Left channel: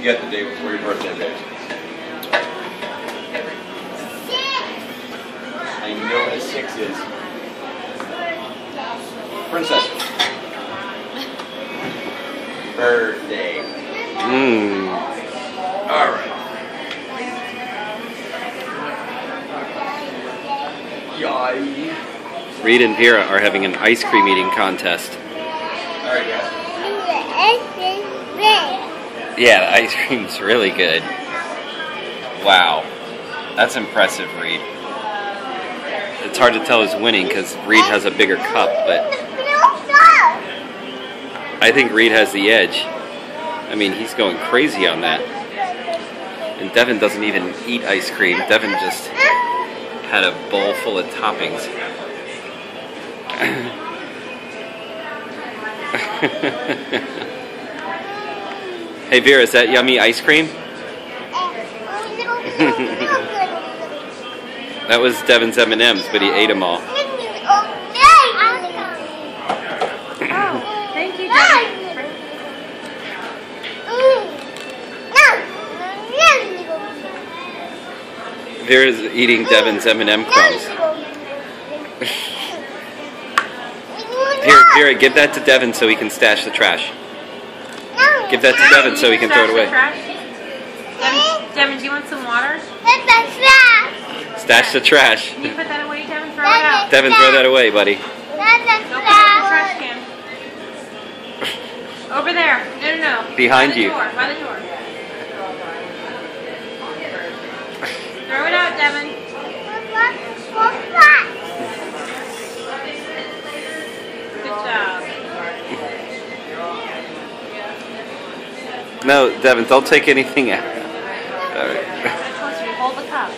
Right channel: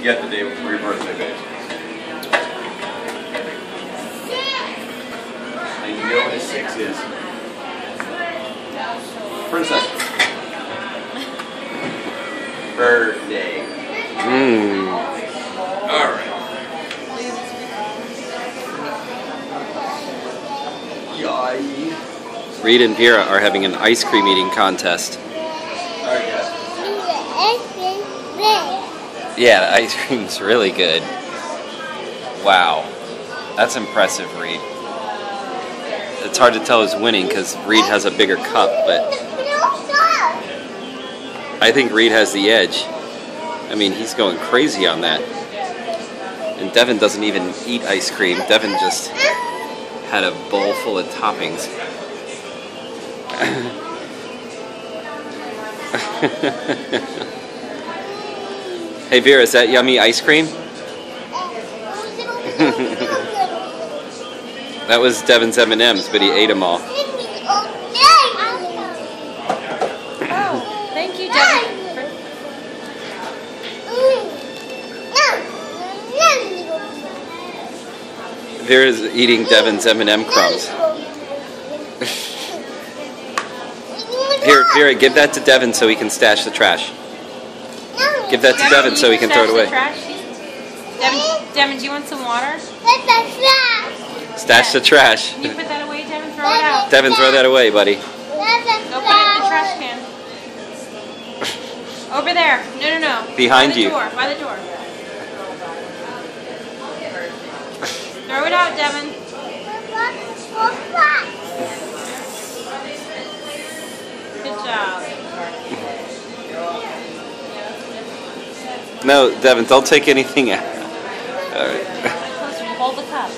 can get the day before your birthday, babe. And you know what a 6 is. Princess. Birthday. Alright. Yay. Reed and Vera are having an ice cream eating contest. Alright, guys. Yeah, the ice cream's really good. Wow. That's impressive, Reed. It's hard to tell who's winning because Reed has a bigger cup, but I think Reed has the edge. I mean, he's going crazy on that. And Devin doesn't even eat ice cream. Devin just had a bowl full of toppings. Hey Vera, is that yummy ice cream? That was Devin's M&Ms, but he ate them all. Thank you, Devin. Vera's eating Devin's M&M crumbs. Here, Vera, give that to Devin so he can stash the trash. Give that to Devin so he can throw it away. Devin, do you want some water? Stash the trash. Can you put that away, Devin? Throw it out. Devin, throw that away, buddy. Go put it in the trash can. Over there. No. Behind you. By the door. Throw it out, Devin. Good job. No, Devin, don't take anything out. All right. Hold the cup.